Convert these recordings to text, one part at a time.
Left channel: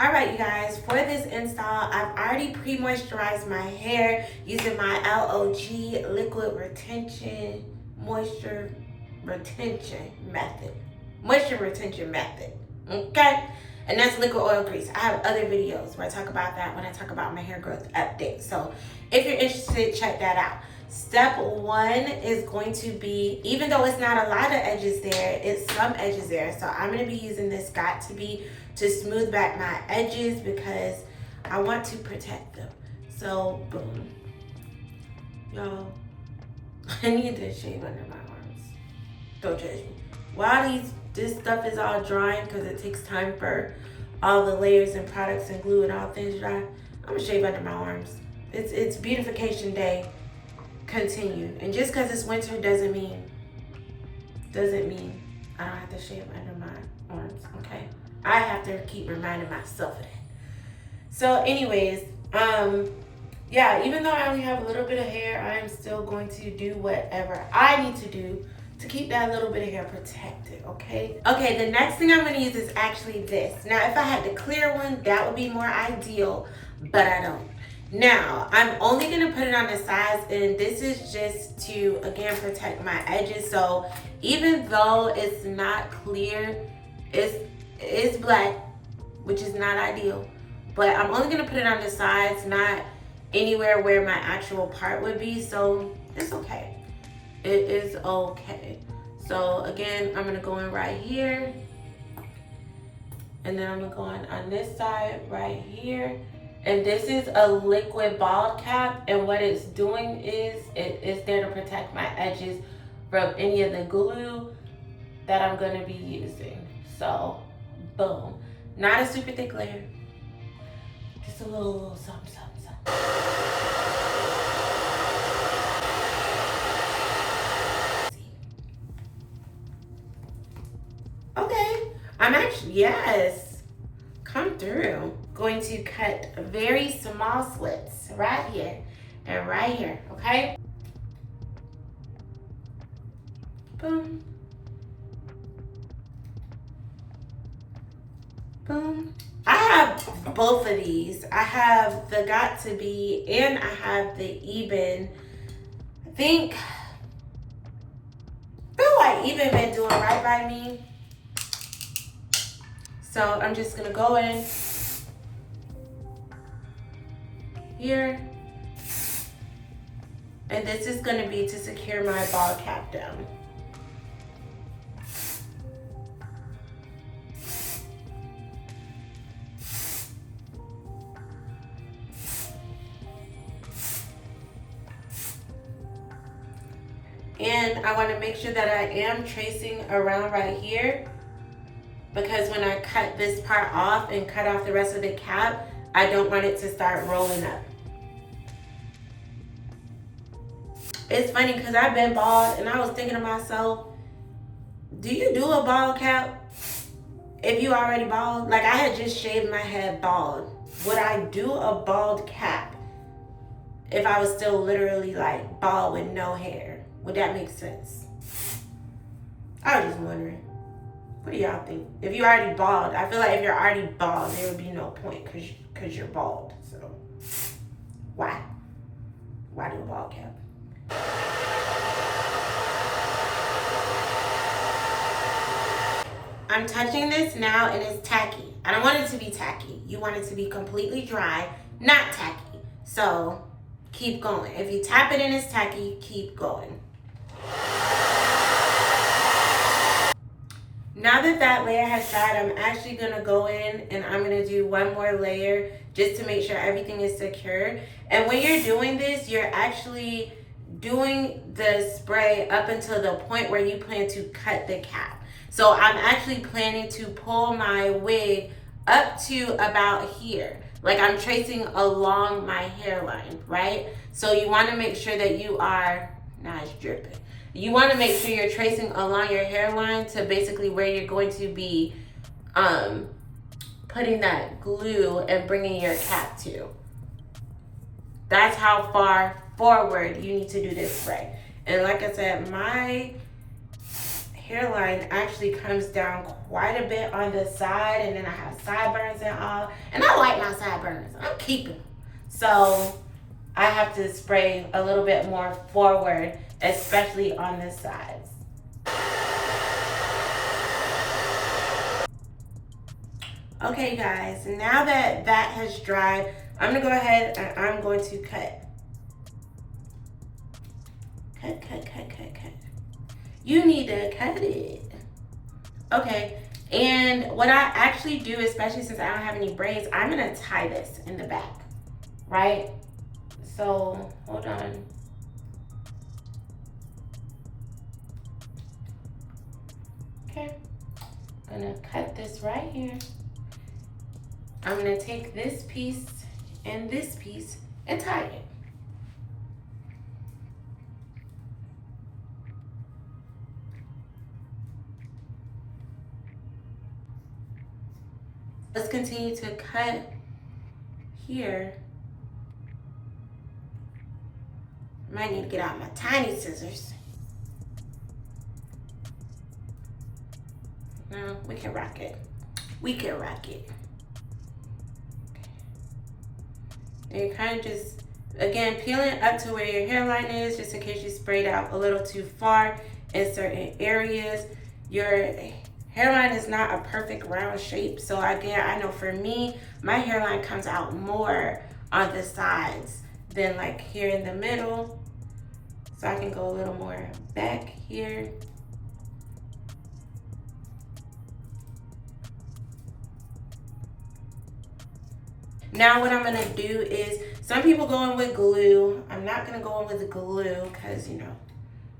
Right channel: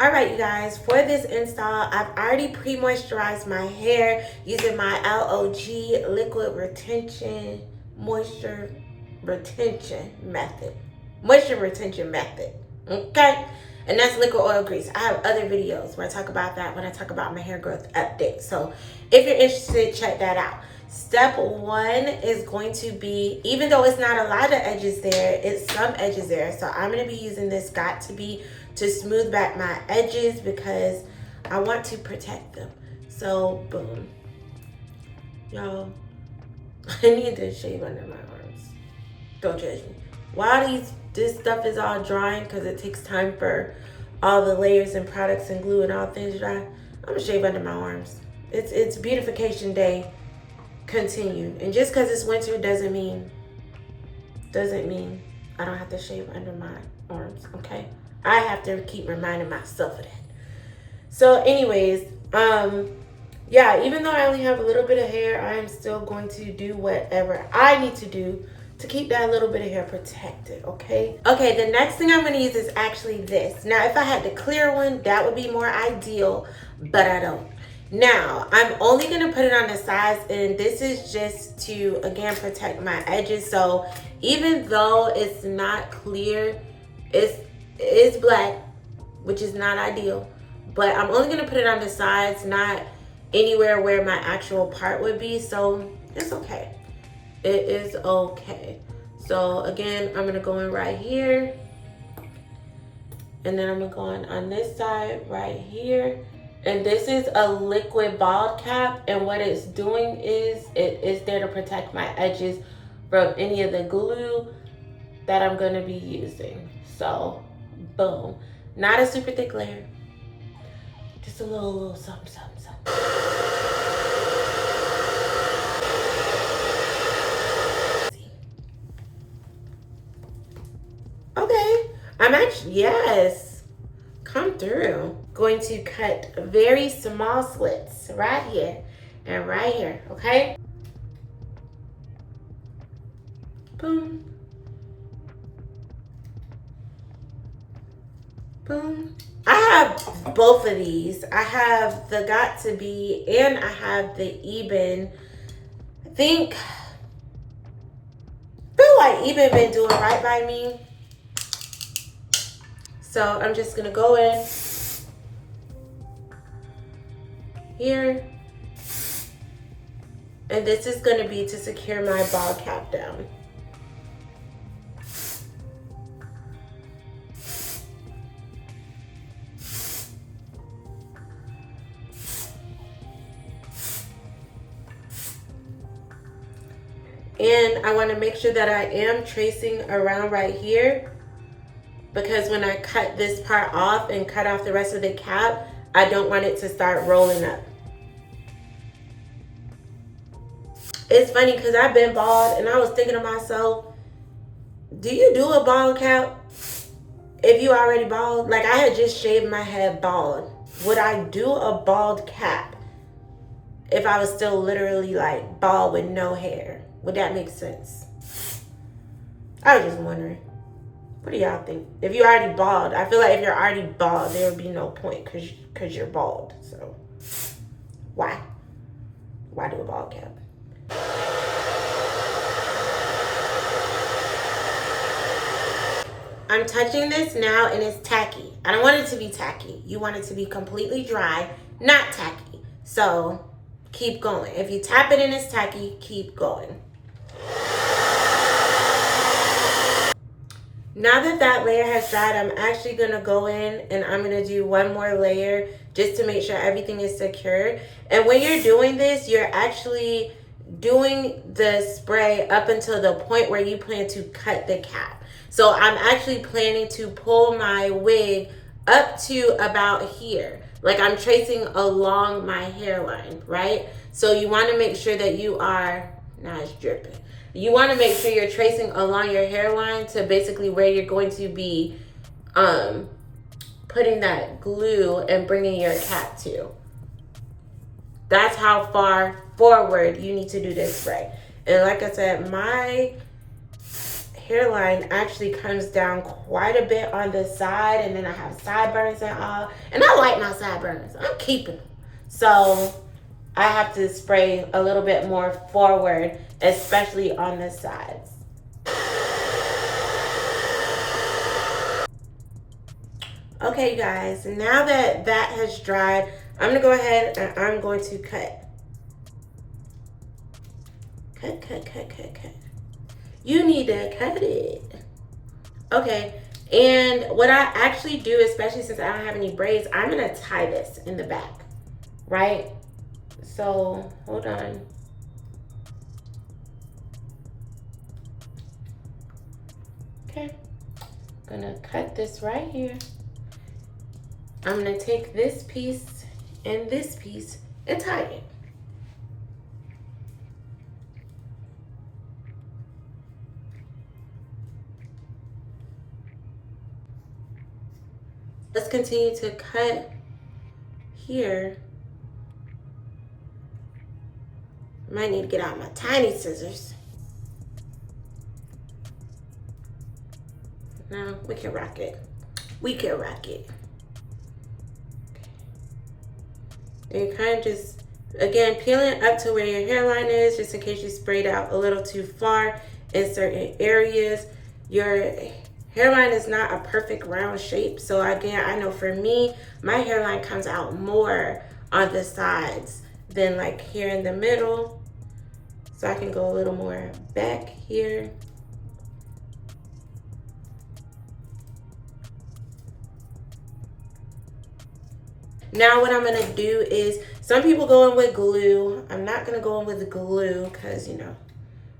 All right, you guys, for this install, I've already pre-moisturized my hair using my LOG liquid retention moisture retention method. Okay? And that's liquid oil grease. I have other videos where I talk about that when I talk about my hair growth update. So if you're interested, check that out. Step one is going to be, even though it's not a lot of edges there, it's some edges there. So I'm going to be using this Got To Be to smooth back my edges because I want to protect them. So boom. Y'all, I need to shave under my arms. Don't judge me. While this stuff is all drying, because it takes time for all the layers and products and glue and all things dry, I'm gonna shave under my arms. It's beautification day continued. And just because it's winter doesn't mean I don't have to shave under my arms, okay? I have to keep reminding myself of that. So anyways, yeah, even though I only have a little bit of hair, I'm still going to do whatever I need to do to keep that little bit of hair protected, okay? Okay, the next thing I'm gonna use is actually this. Now, if I had the clear one, that would be more ideal, but I don't. Now, I'm only gonna put it on the sides, and this is just to, again, protect my edges. So even though it's not clear, it's black, which is not ideal, but I'm only gonna put it on the sides, not anywhere where my actual part would be, so it's okay. It is okay. So again, I'm gonna go in right here, and then I'm gonna go in on this side right here. And this is a liquid bald cap, and what it's doing is it is there to protect my edges from any of the glue that I'm gonna be using. So boom. Not a super thick layer, just a little something. Okay, I'm actually, yes, come through. Going to cut very small slits right here and right here, okay? Boom. Boom. I have both of these. I have the Got To Be and I have the Eben. I feel like Eben been doing right by me. So I'm just gonna go in here, and this is gonna be to secure my ball cap down. And I want to make sure that I am tracing around right here, because when I cut this part off and cut off the rest of the cap, I don't want it to start rolling up. It's funny because I've been bald and I was thinking to myself, do you do a bald cap if you already bald? Like, I had just shaved my head bald. Would I do a bald cap if I was still literally like bald with no hair? Would that make sense? I was just wondering. What do y'all think? If you're already bald, I feel like if you're already bald, there would be no point because you're bald. So why? Why do a bald cap? I'm touching this now and it's tacky. I don't want it to be tacky. You want it to be completely dry, not tacky. So keep going. If you tap it and it's tacky, keep going. Now that that layer has dried, I'm actually gonna go in and I'm gonna do one more layer just to make sure everything is secure. And when you're doing this, you're actually doing the spray up until the point where you plan to cut the cap. So I'm actually planning to pull my wig up to about here. Like, I'm tracing along my hairline, right? So you wanna make sure that you are, now it's dripping. You want to make sure you're tracing along your hairline to basically where you're going to be putting that glue and bringing your cap to. That's how far forward you need to do this spray. And like I said, my hairline actually comes down quite a bit on the side, and then I have sideburns and all. And I like my sideburns. I'm keeping them. So I have to spray a little bit more forward, especially on the sides. Okay, guys, now that that has dried, I'm gonna go ahead and I'm going to cut. Cut. You need to cut it. Okay, and what I actually do, especially since I don't have any braids, I'm gonna tie this in the back, right? So, hold on. Okay, I'm gonna cut this right here. I'm gonna take this piece and this piece and tie it. Let's continue to cut here. Might need to get out my tiny scissors. No, we can rock it. We can rock it. And you kind of just, again, peeling up to where your hairline is, just in case you sprayed out a little too far in certain areas. Your hairline is not a perfect round shape. So again, I know for me, my hairline comes out more on the sides than like here in the middle. So I can go a little more back here. Now what I'm gonna do is, some people go in with glue. I'm not gonna go in with the glue because, you know,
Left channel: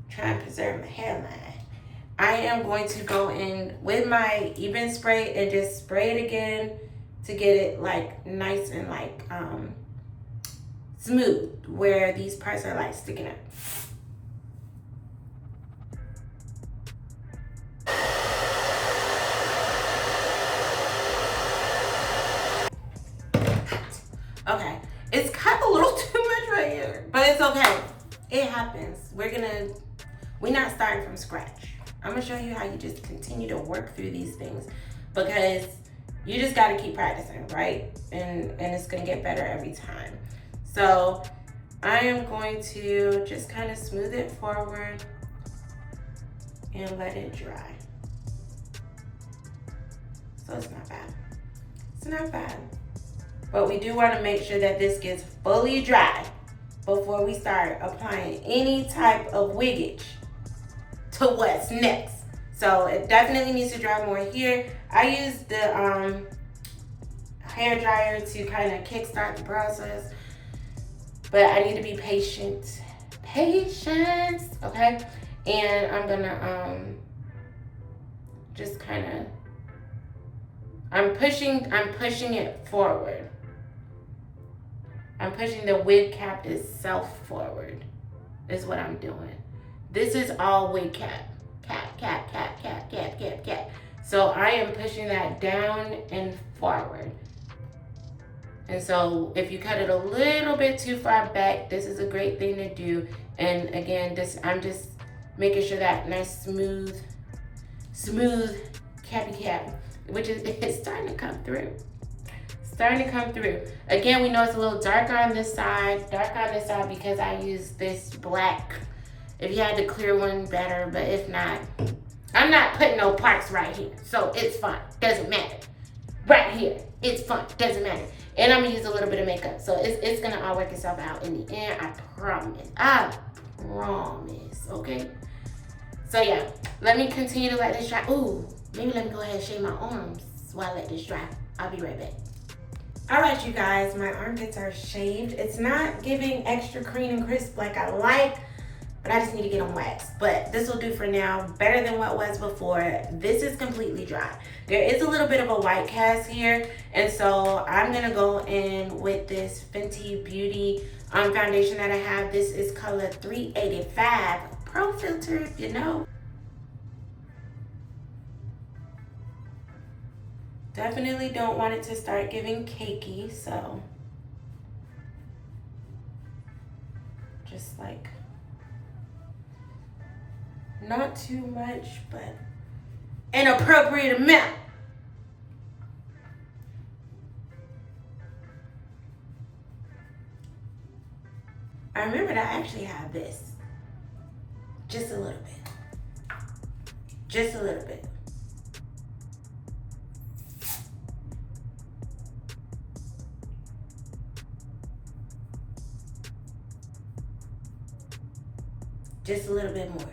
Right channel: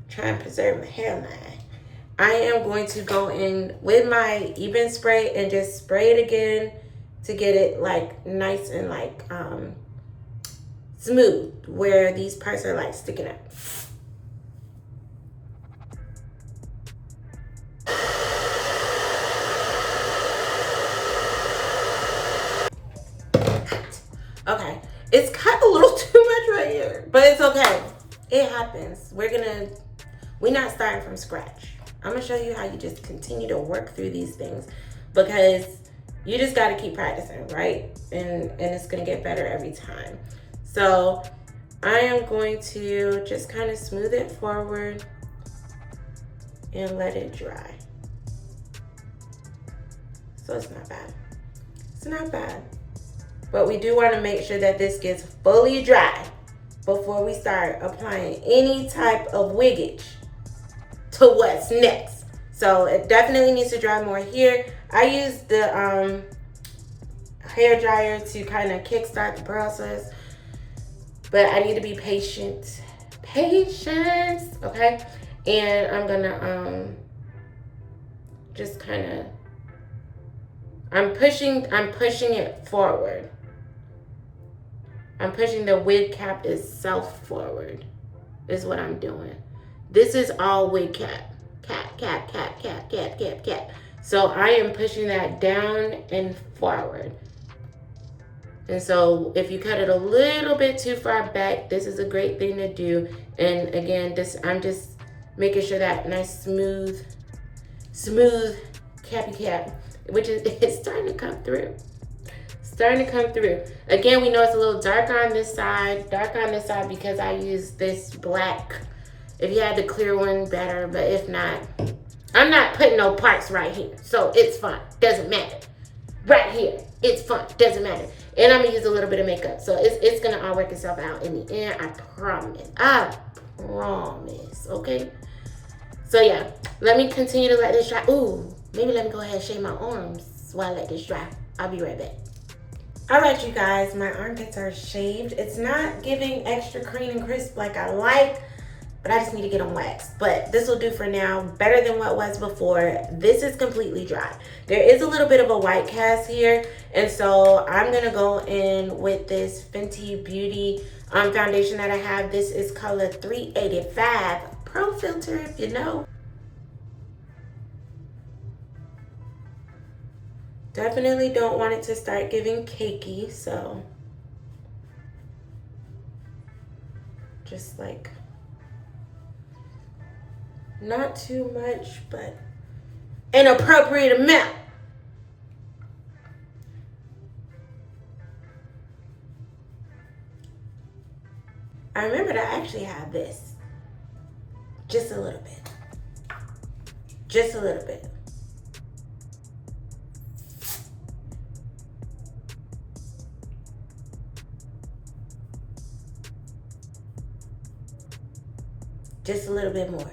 try and preserve my hairline. I am going to go in with my even spray and just spray it again to get it like nice and like smooth where these parts are like sticking up. Okay, it's cut a little too much right here, but it's okay. It happens. We're not starting from scratch. I'm gonna show you how you just continue to work through these things, because you just gotta keep practicing, right? And it's gonna get better every time. So I am going to just kind of smooth it forward and let it dry. So it's not bad. It's not bad. But we do want to make sure that this gets fully dry before we start applying any type of wiggage to what's next. So it definitely needs to dry more here. I use the hair dryer to kind of kickstart the process, but I need to be patient. Patience, okay? And I'm gonna just kind of, I'm pushing it forward. I'm pushing the wig cap itself forward, is what I'm doing. This is all wig cap. Cap. So I am pushing that down and forward. And so if you cut it a little bit too far back, this is a great thing to do. And again, I'm just making sure that nice smooth cappy cap, which is, it's starting to come through. Again, we know it's a little darker on this side, because I use this black. If you had the clear one, better, but if not, I'm not putting no parts right here, so it's fine, doesn't matter. Right here, it's fine, doesn't matter. And I'm gonna use a little bit of makeup, so it's gonna all work itself out in the end, I promise, okay? So yeah, let me continue to let this dry. Ooh, maybe let me go ahead and shave my arms while I let this dry. I'll be right back. All right, you guys, my armpits are shaved. It's not giving extra clean and crisp like I like, but I just need to get them waxed. But this will do for now, better than what was before. This is completely dry. There is a little bit of a white cast here, and so I'm gonna go in with this Fenty Beauty foundation that I have. This is color 385 Pro Filter, if you know. Definitely don't want it to start giving cakey, so just like Not too much, but an appropriate amount. I remembered I actually have this. Just a little bit. Just a little bit. Just a little bit more.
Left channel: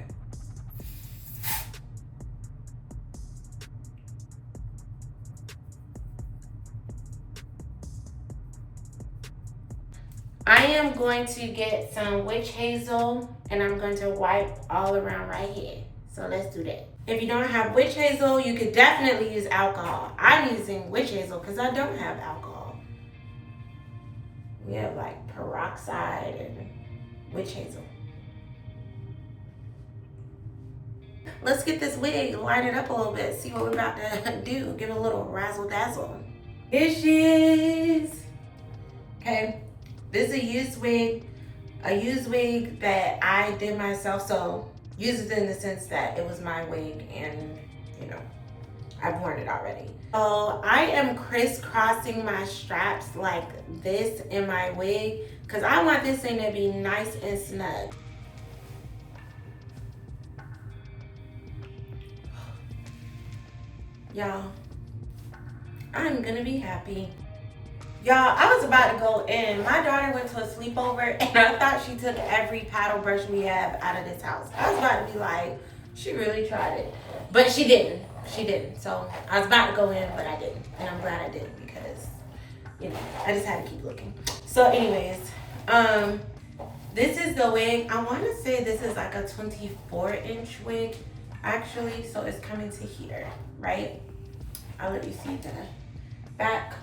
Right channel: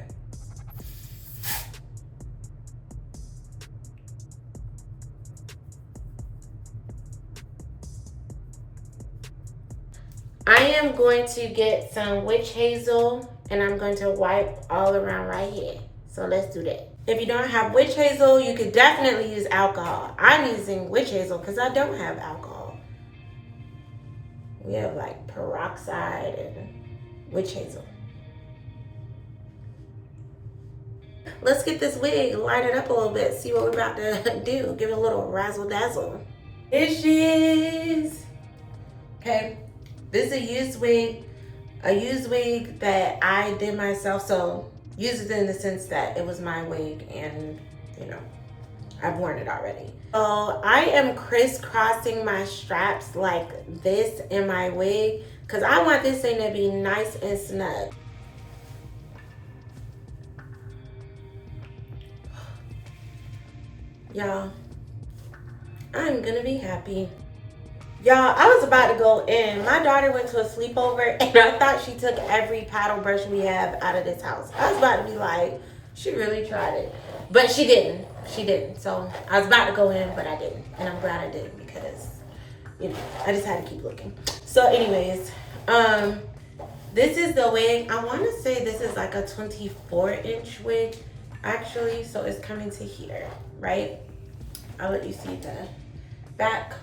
I am going to get some witch hazel and I'm going to wipe all around right here. So let's do that. If you don't have witch hazel, you could definitely use alcohol. I'm using witch hazel because I don't have alcohol. We have like peroxide and witch hazel. Let's get this wig, light it up a little bit, see what we're about to do. Give it a little razzle dazzle. Here she is. Okay. This is a used wig that I did myself. So used in the sense that it was my wig and, you know, I've worn it already. So I am crisscrossing my straps like this in my wig because I want this thing to be nice and snug. Y'all, I'm gonna be happy. Y'all, I was about to go in. My daughter went to a sleepover and I thought she took every paddle brush we have out of this house. I was about to be like, she really tried it. But she didn't. She didn't. So I was about to go in, but I didn't. And I'm glad I did because, you know, I just had to keep looking. So anyways, this is the wig. I want to say this is like a 24-inch wig, actually. So it's coming to here, right? I'll let you see the back.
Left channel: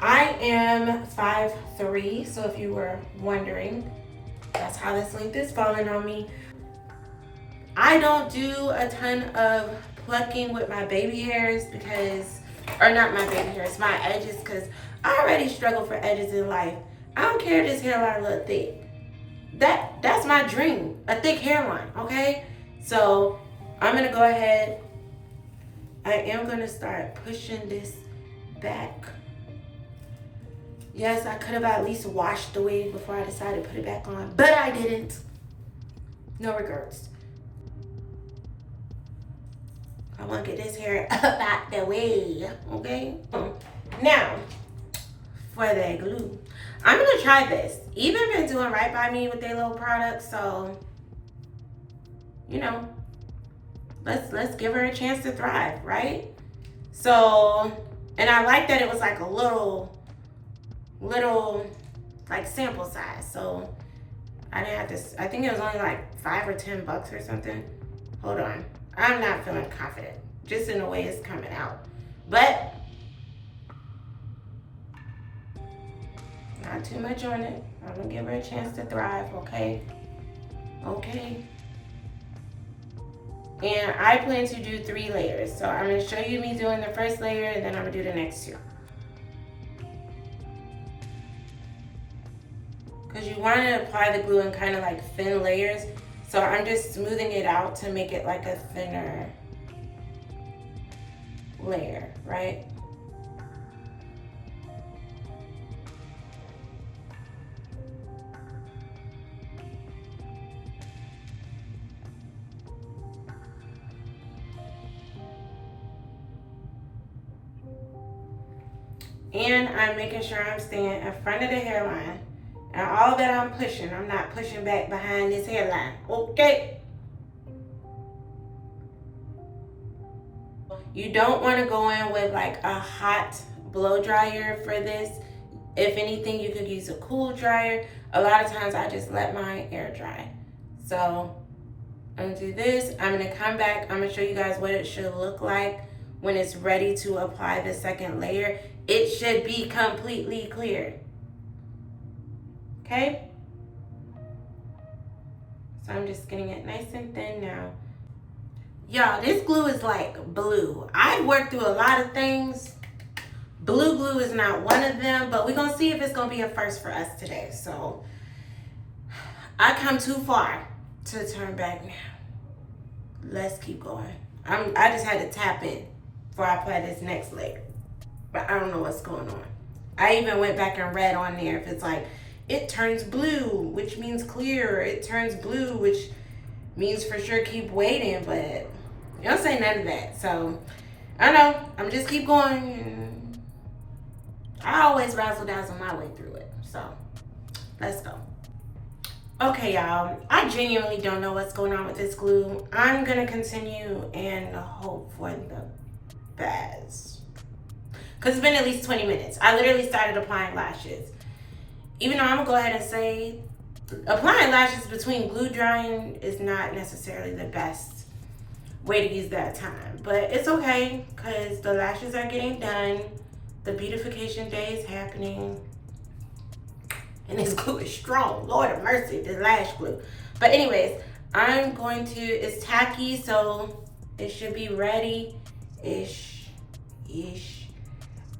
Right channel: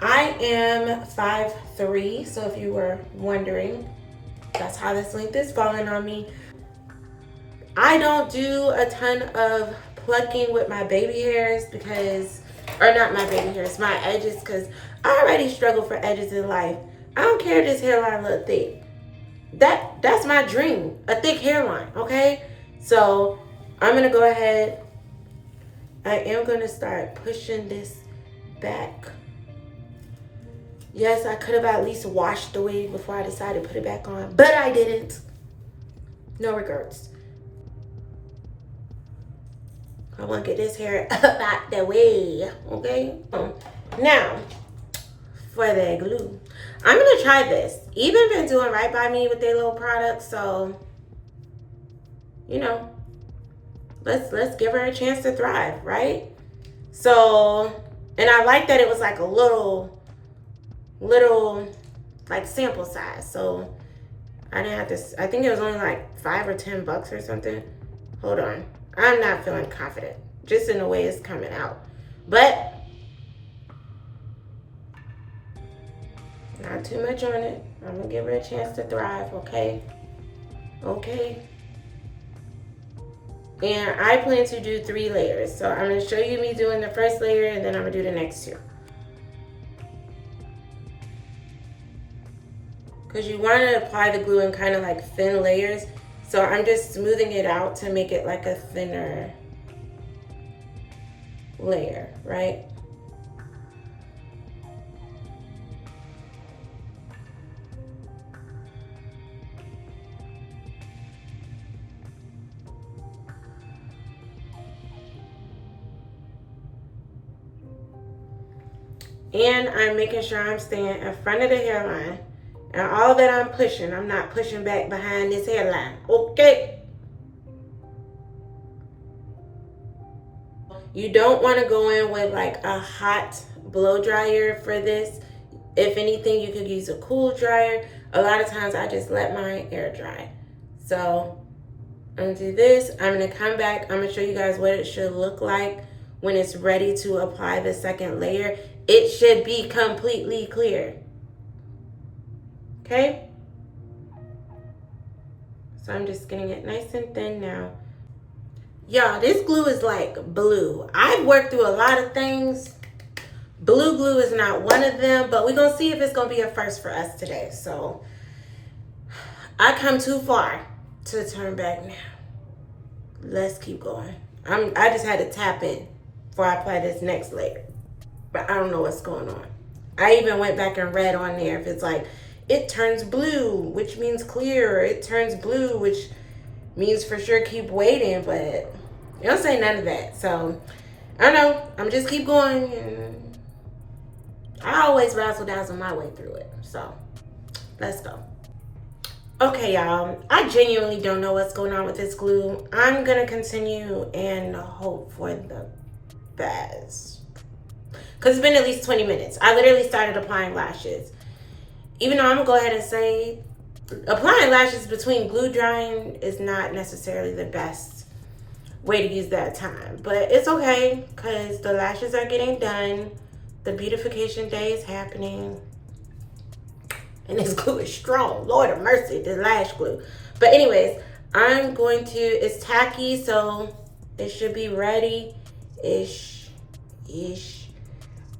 I am 5'3", so if you were wondering, that's how this length is falling on me. I don't do a ton of plucking with my baby hairs because, or not my baby hairs, my edges, because I already struggle for edges in life. I don't care if this hairline look thick. That's my dream, a thick hairline, okay? So I'm gonna go ahead. I am gonna start pushing this back. Yes, I could have at least washed the wig before I decided to put it back on, but I didn't. No regrets. I want to get this hair up out the way, okay? Now, for the glue, I'm gonna try this. Even been doing right by me with their little products, so you know, let's give her a chance to thrive, right? So, and I like that it was like a little like sample size. So I didn't have to, I think it was only like $5 or $10 or something. Hold on. I'm not feeling confident just in the way it's coming out. But not too much on it. I'm gonna give her a chance to thrive, okay? Okay. And I plan to do 3 layers. So I'm gonna show you me doing the first layer and then I'm gonna do the next 2. Because you want to apply the glue in kind of like thin layers. So I'm just smoothing it out to make it like a thinner layer, right? And I'm making sure I'm staying in front of the hairline. And all that I'm pushing, I'm not pushing back behind this hairline, okay? You don't want to go in with like a hot blow dryer for this. If anything, you could use a cool dryer. A lot of times I just let mine air dry. So I'm gonna do this. I'm gonna come back. I'm gonna show you guys what it should look like when it's ready to apply the second layer. It should be completely clear. Okay? So I'm just getting it nice and thin now. Y'all, this glue is like blue. I've worked through a lot of things, Blue glue is not one of them, but we're gonna see if it's gonna be a first for us today. So I come too far to turn back now. Let's keep going. I just had to tap in before I apply this next layer, but I don't know what's going on. I even went back and read on there if it's like, it turns blue, which means clear, or it turns blue, which means for sure keep waiting, but it don't say none of that. So I don't know. I'm just keep going, and I always razzle dazzle my way through it. So let's go. Okay, y'all. I genuinely don't know what's going on with this glue. I'm gonna continue and hope for the best. Cause it's been at least 20 minutes. I literally started applying lashes. Even though I'm gonna go ahead and say applying lashes between glue drying is not necessarily the best way to use that time. But it's okay, because the lashes are getting done. The beautification day is happening. And this glue is strong. Lord of mercy, this lash glue. But anyways, I'm going to, it's tacky, so it should be ready-ish.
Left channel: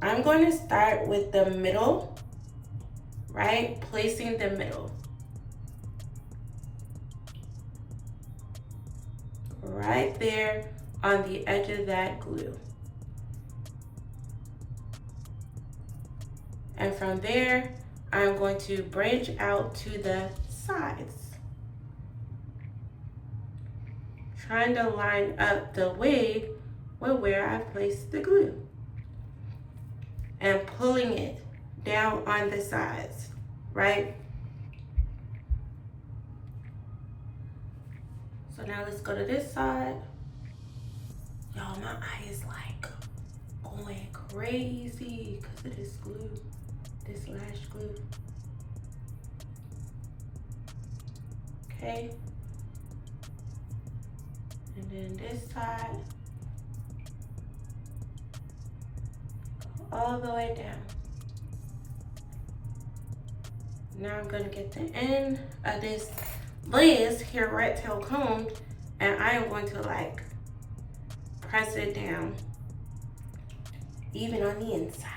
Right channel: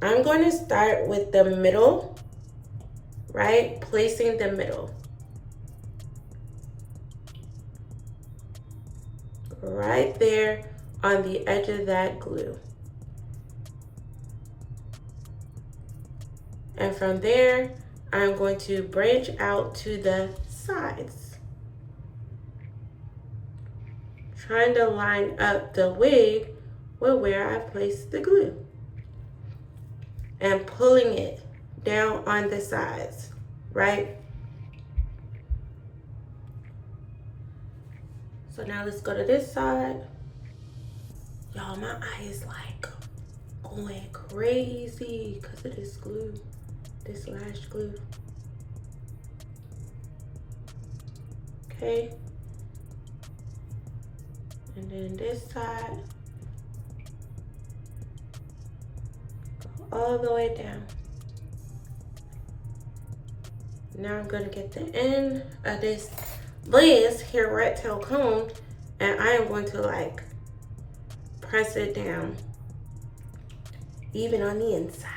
I'm going to start with the middle, right? Placing the middle. Right there on the edge of that glue. And from there, I'm going to branch out to the sides. Trying to line up the wig with where I placed the glue. And pulling it down on the sides, right? So now let's go to this side. Y'all, my eye is like going crazy because of this glue, this lash glue. Okay. And then this side, go all the way down. Now I'm gonna get the end of this Liz here rat tail comb, and I am going to like press it down even on the inside.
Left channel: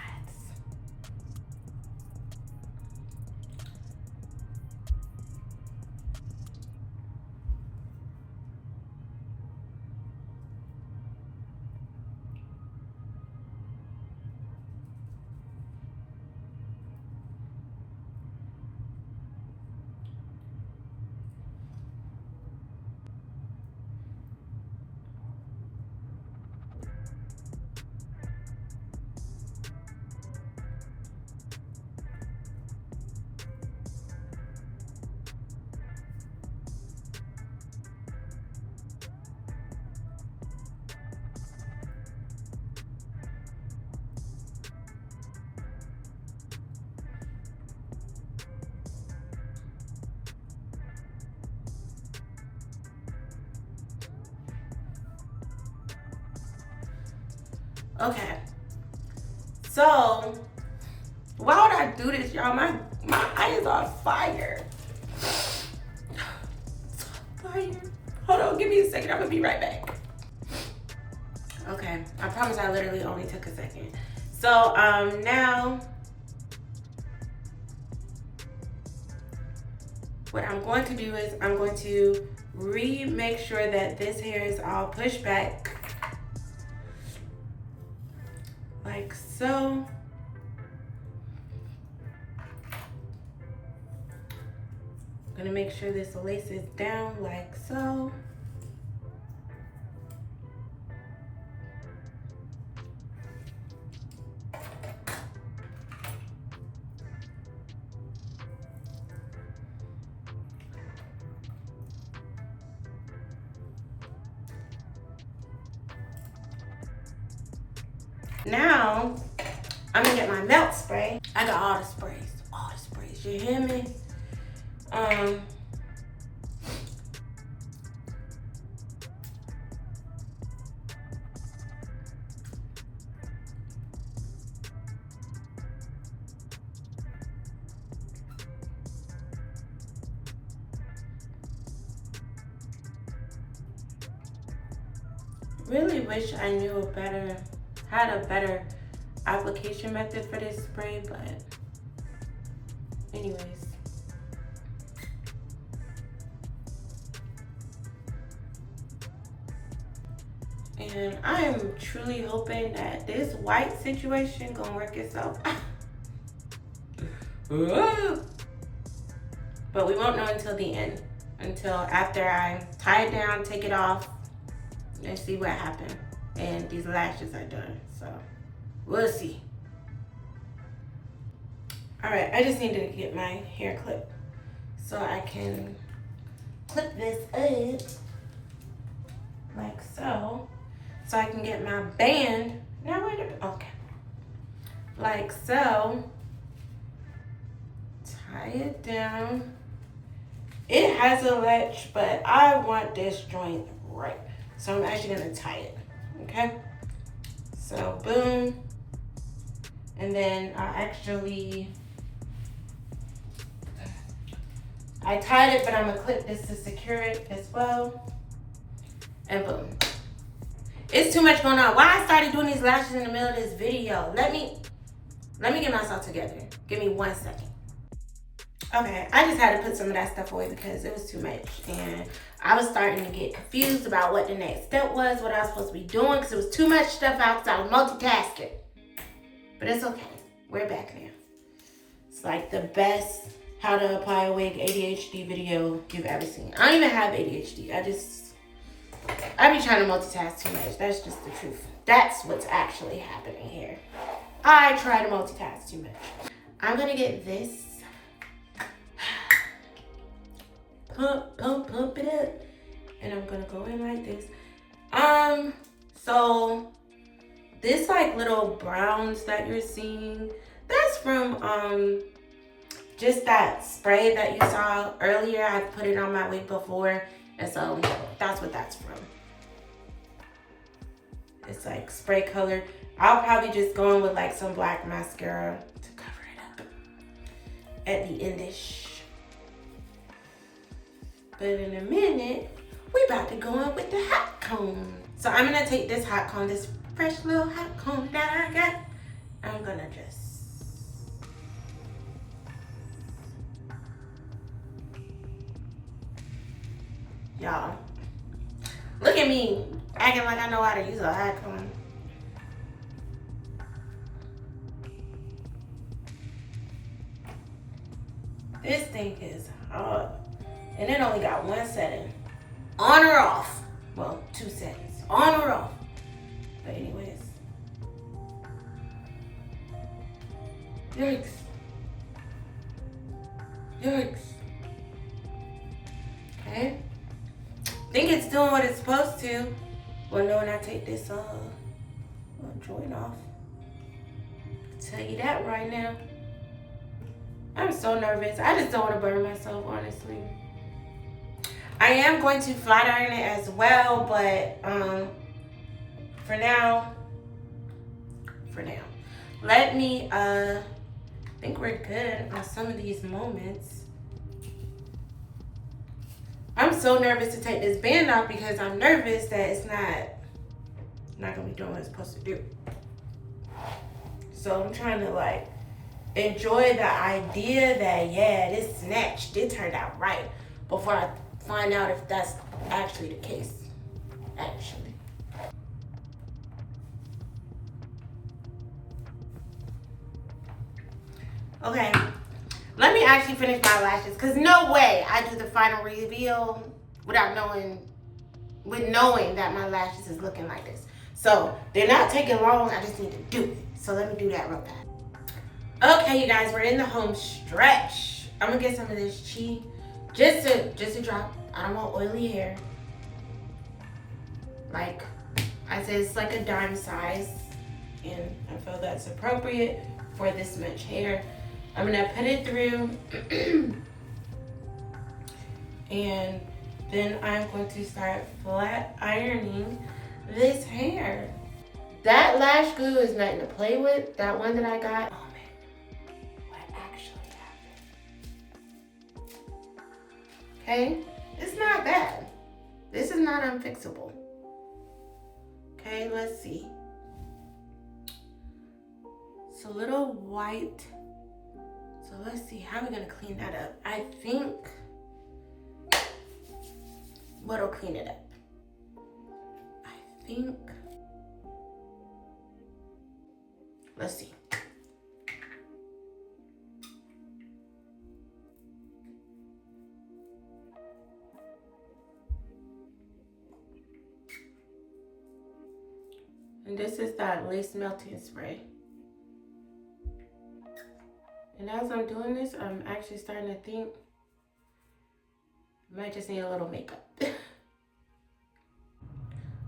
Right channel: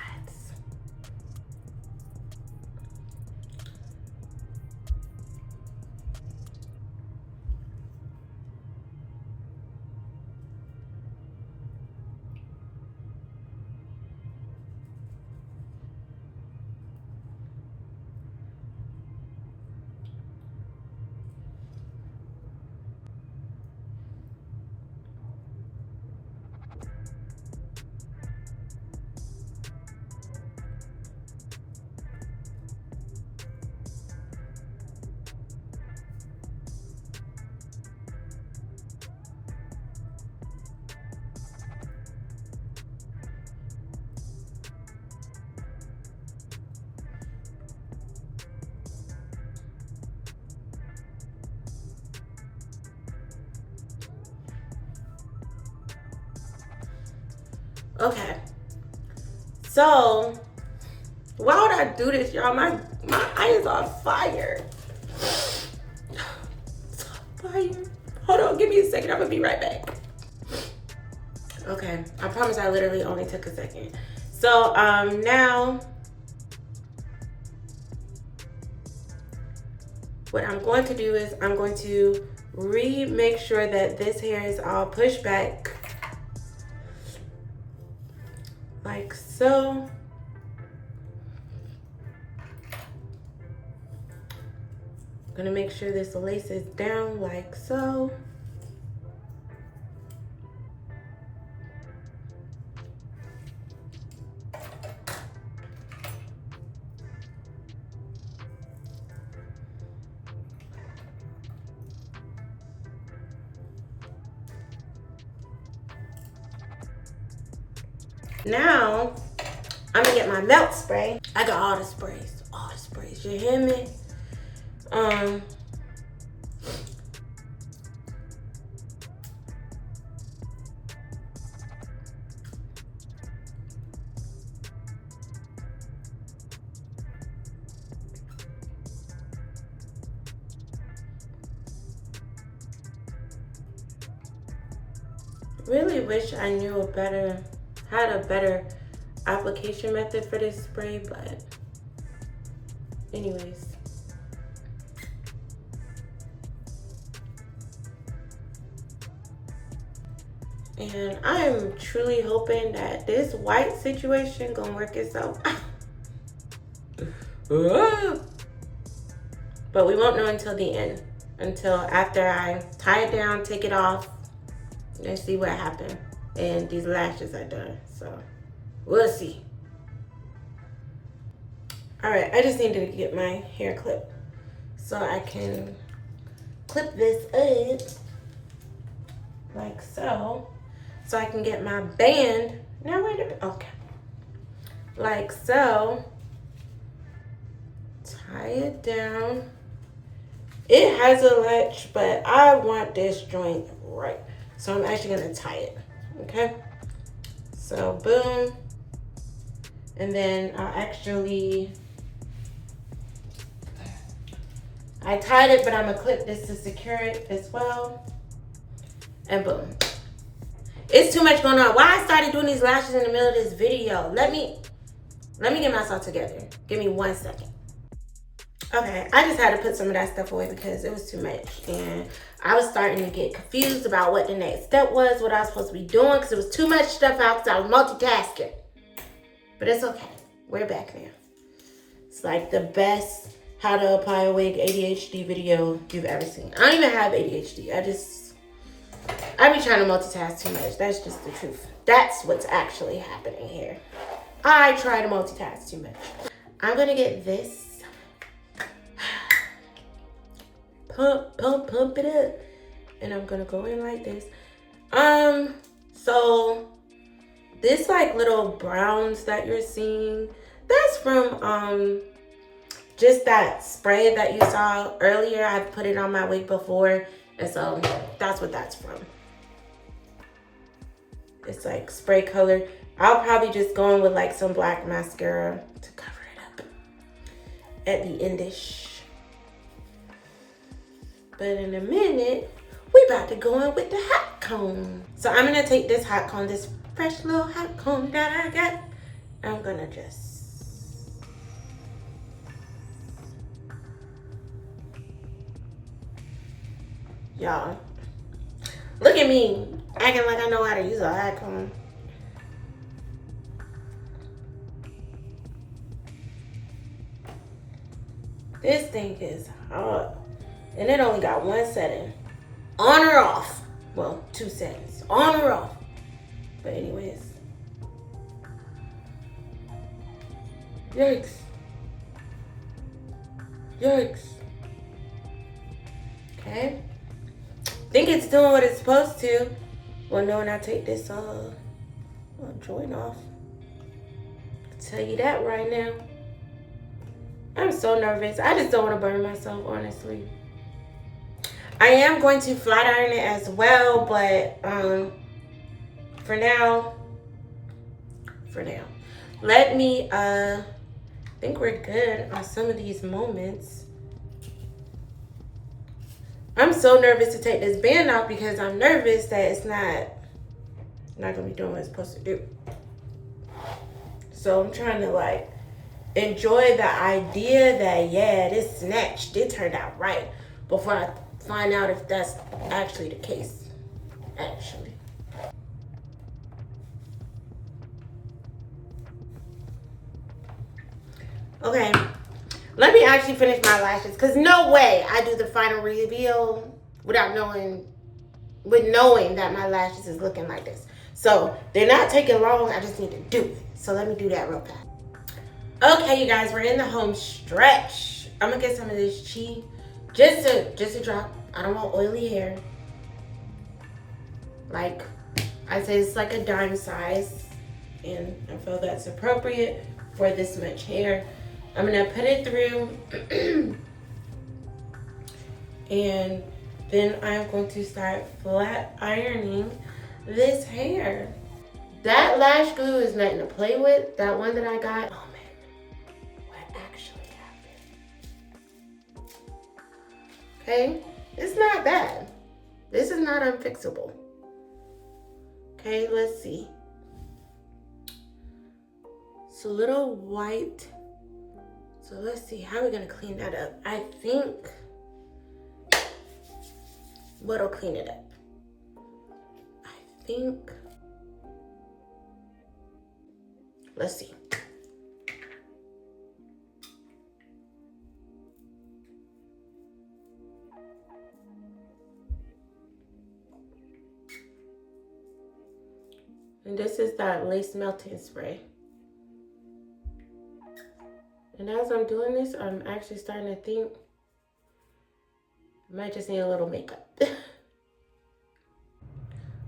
Okay, so why would I do this, y'all? My eye is on fire. It's on fire. Hold on, give me a second. I'm gonna be right back. Okay, I promise I literally only took a second. So now what I'm going to do is I'm going to make sure that this hair is all pushed back like so. I'm gonna make sure this lace is down like so. Now, I'm gonna get my melt spray. I got all the sprays, you hear me? Really wish I knew had a better application method for this spray, but anyways. And I am truly hoping that this white situation gonna work itself out. But we won't know until the end, until after I tie it down, take it off, and see what happened. And these lashes are done, so we'll see. All right, I just needed to get my hair clip so I can clip this up like so. So I can get my band. Now where did, okay. Like so. Tie it down. It has a latch, but I want this joint right. So I'm actually gonna tie it, okay? So boom. And then I'll actually, I tied it, but I'm gonna clip this to secure it as well. And boom. It's too much going on. Why I started doing these lashes in the middle of this video? Let me get myself together. Give me 1 second. Okay, I just had to put some of that stuff away because it was too much. And I was starting to get confused about what the next step was, what I was supposed to be doing, because it was too much stuff out because I was multitasking. But it's okay. We're back now. It's like the best how to apply a wig ADHD video you've ever seen. I don't even have ADHD. I be trying to multitask too much. That's just the truth. That's what's actually happening here. I try to multitask too much. I'm gonna get this. Pump it up. And I'm gonna go in like this. So this like little browns that you're seeing, that's from just that spray that you saw earlier. I've put it on my wig before, and so that's what that's from. It's like spray color. I'll probably just go in with like some black mascara to cover it up at the endish. But in a minute, we about to go in with the hot comb. So I'm gonna take this hot comb, this fresh little hot comb that I got. I'm gonna just, y'all, look at me acting like I know how to use a hot comb. This thing is hot. And it only got 1 setting. On or off. Well, 2 settings. On or off. But anyways. Yikes. Yikes. Okay. Think it's doing what it's supposed to. Well, no, when I take this joint off. I'll tell you that right now. I'm so nervous. I just don't want to burn myself, honestly. I am going to flat iron it as well, but for now, let me, I think we're good on some of these moments. I'm so nervous to take this band off because I'm nervous that it's not gonna be doing what it's supposed to do. So I'm trying to like enjoy the idea that, yeah, this snatched, it turned out right, before I find out if that's actually the case, actually. Okay, let me actually finish my lashes, because no way I do the final reveal without knowing that my lashes is looking like this. So they're not taking long, I just need to do it. So let me do that real fast. Okay, you guys, we're in the home stretch. I'm gonna get some of this Chi, just a drop. I don't want oily hair. Like I said, it's like a dime size, and I feel that's appropriate for this much hair. I'm gonna put it through, and then I'm going to start flat ironing this hair. That lash glue is nothing to play with. That one that I got, oh man, what actually happened? Okay, it's not bad. This is not unfixable. Okay, let's see. It's a little white. So let's see, how are we gonna clean that up? I think, what'll clean it up? I think, let's see. And this is that lace melting spray. And as I'm doing this, I'm actually starting to think I might just need a little makeup.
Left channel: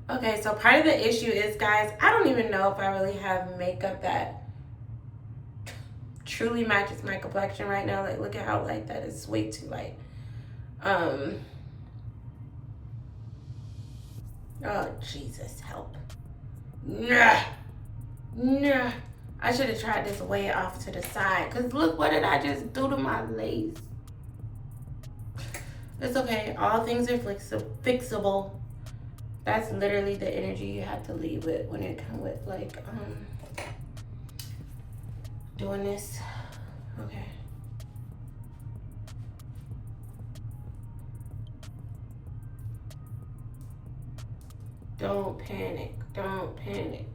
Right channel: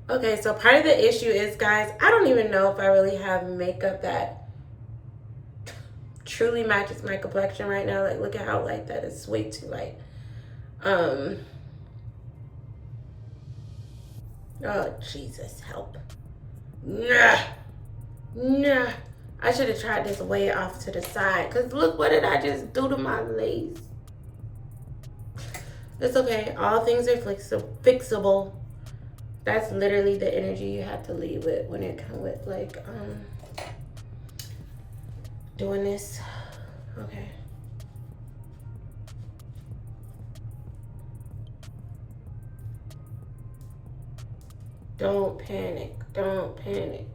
Okay, so part of the issue is, guys, I don't even know if I really have makeup that truly matches my complexion right now. Like, look at how light that is. Way too light. Oh, Jesus, help. Nah. I should have tried this way off to the side. Because look, what did I just do to my lace? It's okay. All things are fixable. That's literally the energy you have to lead with when it comes with, like, doing this. Okay. Don't panic. Don't panic.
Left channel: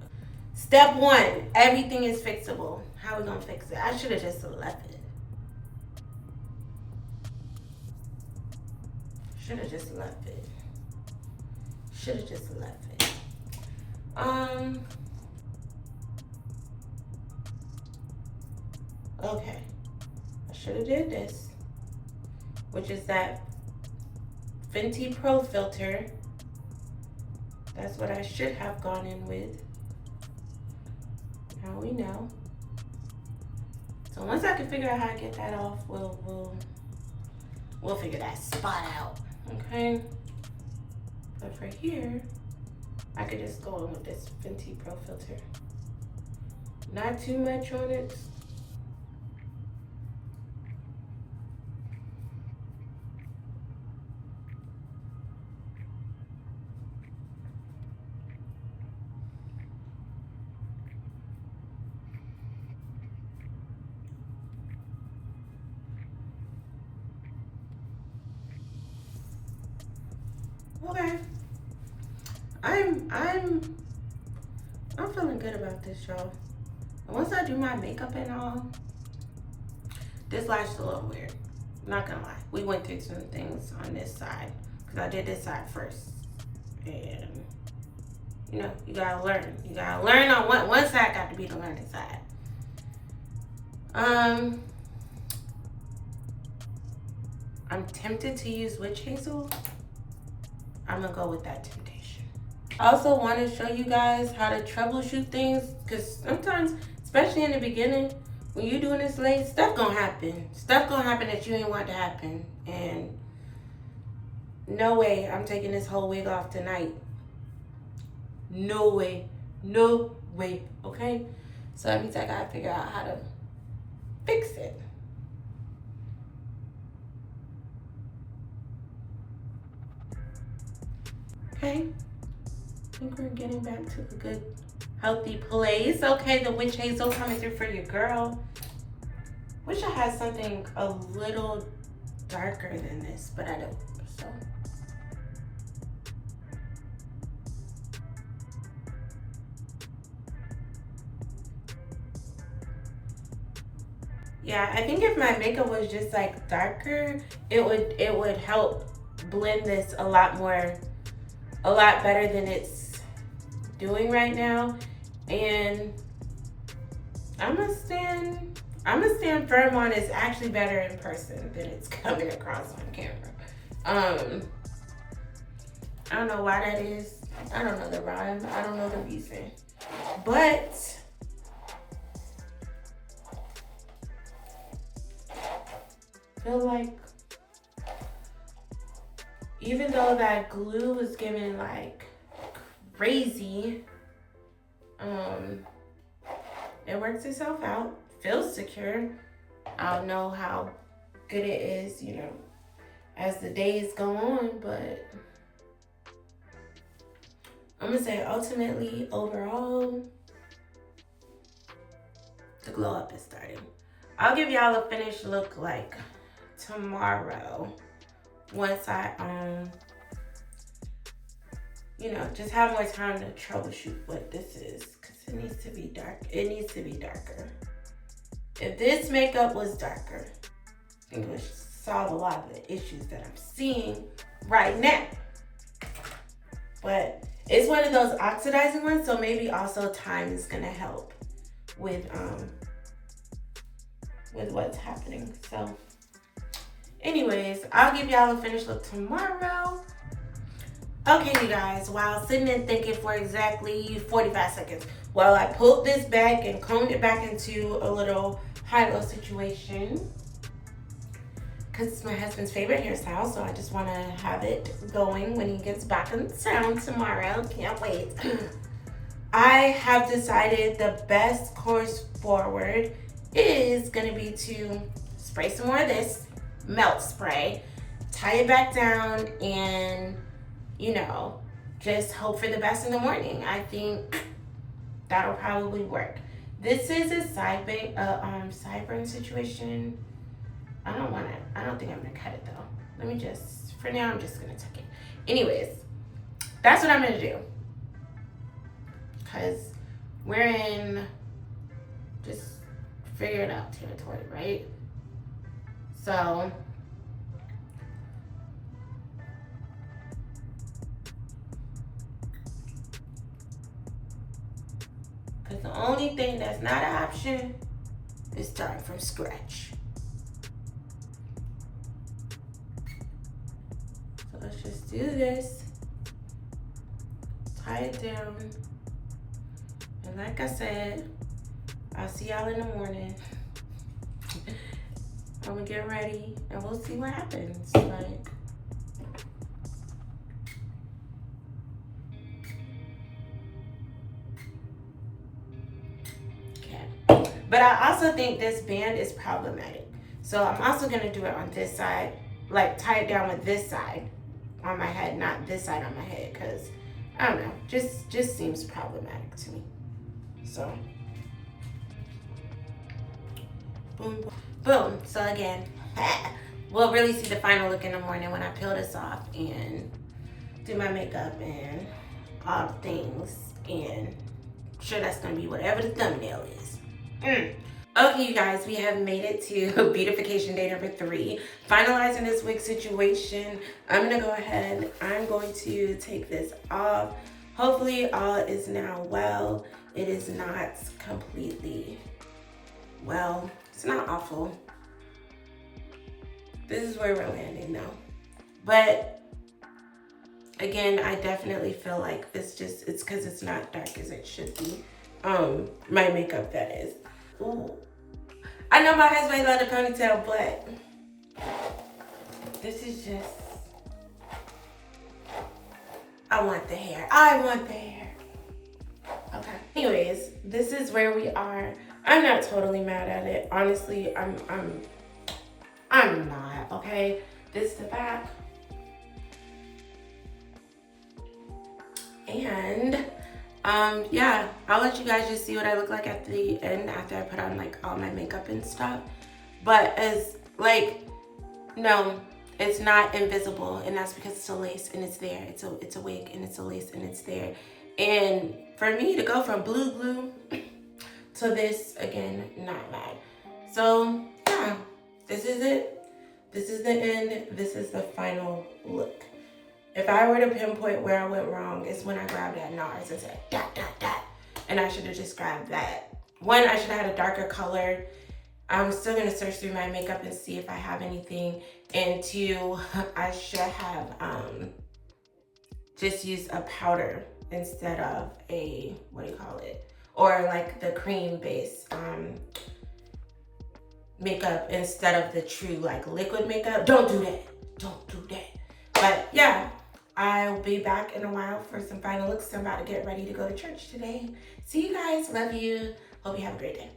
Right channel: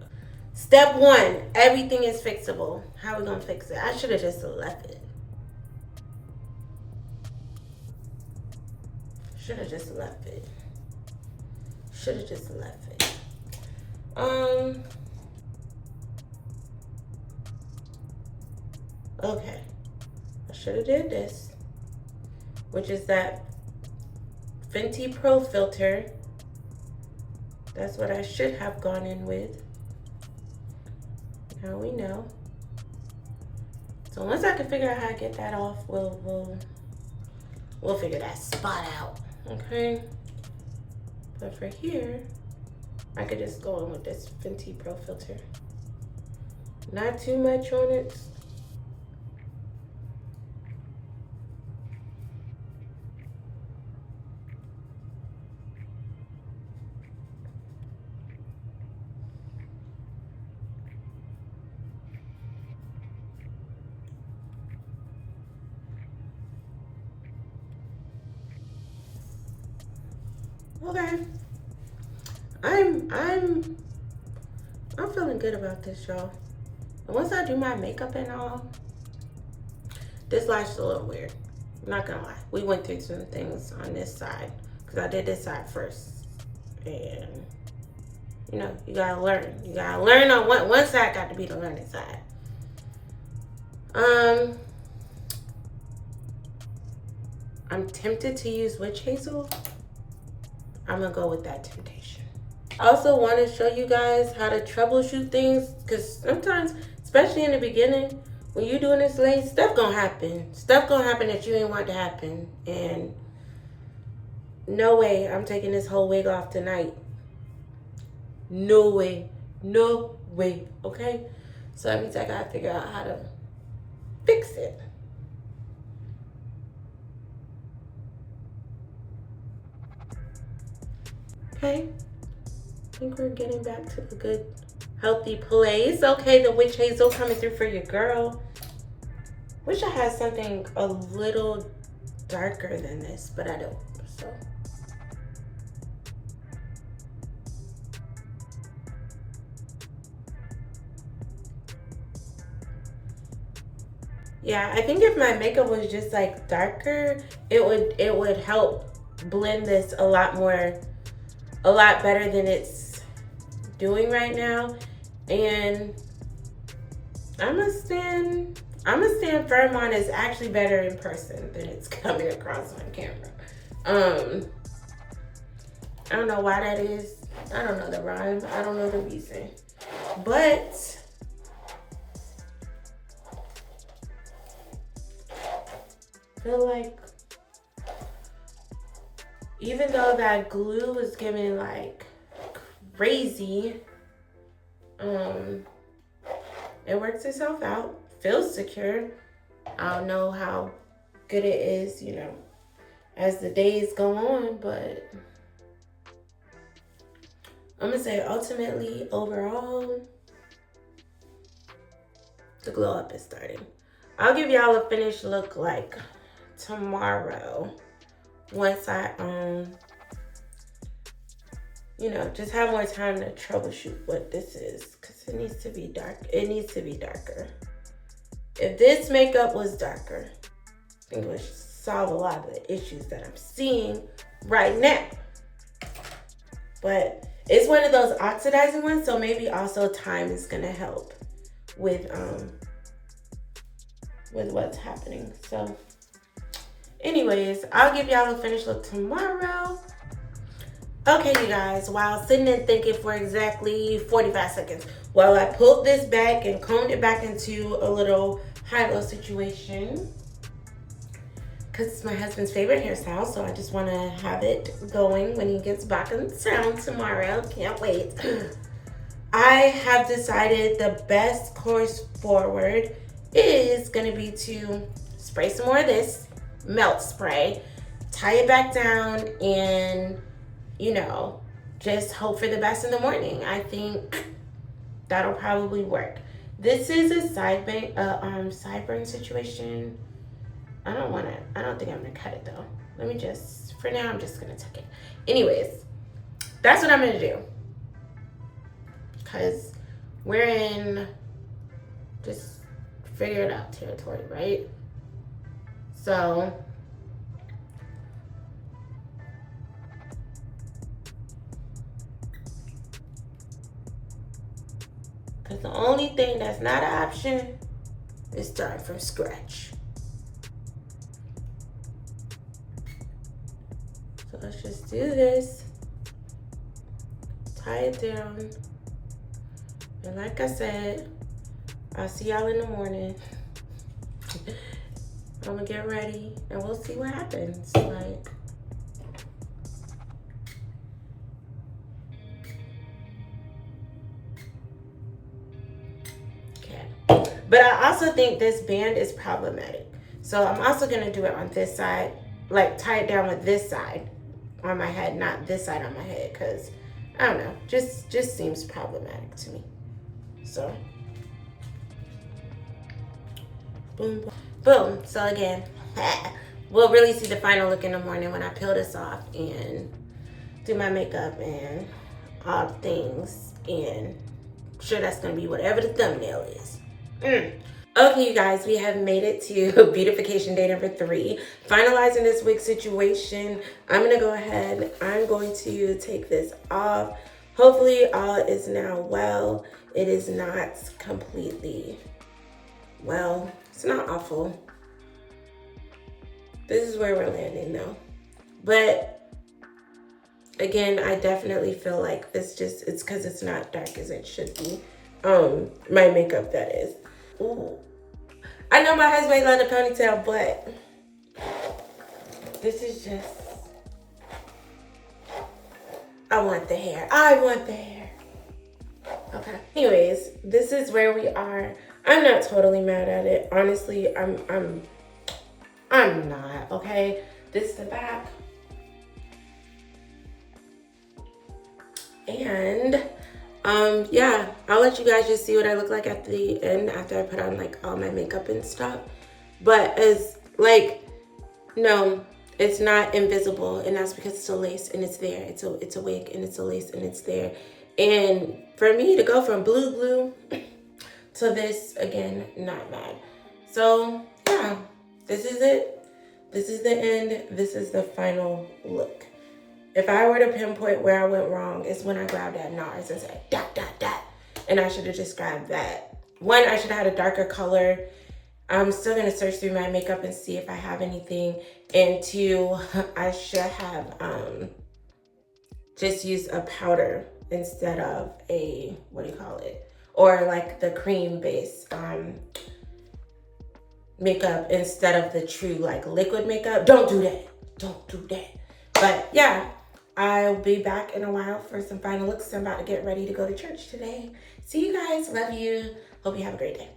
Step one, everything is fixable. How are we gonna fix it? I should have just left it. Should have just left it. Should have just left it. Okay. I should have did this, which is that Fenty Pro filter. That's what I should have gone in with. Now we know. So once I can figure out how to get that off, we'll figure that spot out. Okay. But for here, I could just go in with this Fenty Pro filter. Not too much on it. Okay. I'm feeling good about this, y'all. And once I do my makeup and all, this lash is a little weird. I'm not gonna lie. We went through some things on this side because I did this side first. And you know, you gotta learn. You gotta learn on one side got to be the learning side. I'm tempted to use witch hazel. I'm gonna go with that temptation. I also want to show you guys how to troubleshoot things, because sometimes, especially in the beginning, when you're doing this lace, stuff gonna happen. Stuff gonna happen that you ain't want to happen. And no way I'm taking this whole wig off tonight. No way. No way. Okay? So that means I gotta figure out how to fix it. Okay? I think we're getting back to a good, healthy place. Okay, the witch hazel coming through for your girl. Wish I had something a little darker than this, but I don't. So. Yeah, I think if my makeup was just like darker, it would help blend this a lot better than it's doing right now. And I'm gonna stand firm on it's actually better in person than it's coming across on camera. I don't know why that is. I don't know the rhyme. I don't know the reason. But I feel like even though that glue is giving like crazy, it works itself out. Feels secure. I don't know how good it is, you know, as the days go on, but I'm gonna say ultimately, overall, The glow up is starting. I'll give y'all a finished look like tomorrow once I just have more time to troubleshoot what this is, because it needs to be dark. It needs to be darker. If this makeup was darker, I think it would solve a lot of the issues that I'm seeing right now. But it's one of those oxidizing ones, so maybe also time is gonna help with what's happening. So anyways, I'll give y'all a finished look tomorrow. Okay, you guys, while sitting and thinking for exactly 45 seconds, while I pulled this back and combed it back into a little high-low situation, because it's my husband's favorite hairstyle, so I just want to have it going when he gets back in town tomorrow. Can't wait. I have decided the best course forward is going to be to spray some more of this melt spray, tie it back down, and just hope for the best in the morning. I think that'll probably work. This is a sideburn situation. I don't think I'm gonna cut it though. For now, I'm just gonna tuck it. Anyways, that's what I'm gonna do. Cause we're in just figure it out territory, right? So, because the only thing that's not an option is starting from scratch. So let's just do this, tie it down, and like I said, I'll see y'all in the morning. I'm gonna get ready and we'll see what happens. Okay. But I also think this band is problematic. So I'm also gonna do it on this side, like tie it down with this side on my head, not this side on my head, because I don't know, just seems problematic to me. So boom, boom, boom. So again, we'll really see the final look in the morning when I peel this off and do my makeup and all things, and I'm sure that's gonna be whatever the thumbnail is. Okay, you guys, we have made it to beautification day number 3. Finalizing this wig situation. I'm gonna go ahead. I'm going to take this off. Hopefully all is now well. It is not completely well. It's not awful. This is where we're landing now. But again, I definitely feel like it's because it's not dark as it should be. My makeup, that is. Ooh. I know my husband loved a ponytail, but this is just, I want the hair. I want the hair. Okay. Anyways, this is where we are. I'm not totally mad at it. Honestly, I'm not, okay? This is the back. And yeah, I'll let you guys just see what I look like at the end after I put on like all my makeup and stuff. But it's like, no, it's not invisible, and that's because it's a lace and it's there. It's a wig and it's a lace and it's there. And for me to go from blue glue to this, again, not mad. So yeah, this is it. This is the end. This is the final look. If I were to pinpoint where I went wrong, it's when I grabbed that NARS and said, dot, dot, dot. And I should have just grabbed that. One, I should have had a darker color. I'm still gonna search through my makeup and see if I have anything. And 2, I should have just used a powder instead of a, what do you call it? Or like the cream base makeup instead of the true like liquid makeup. Don't do that. Don't do that. But yeah, I'll be back in a while for some final looks. I'm about to get ready to go to church today. See you guys. Love you. Hope you have a great day.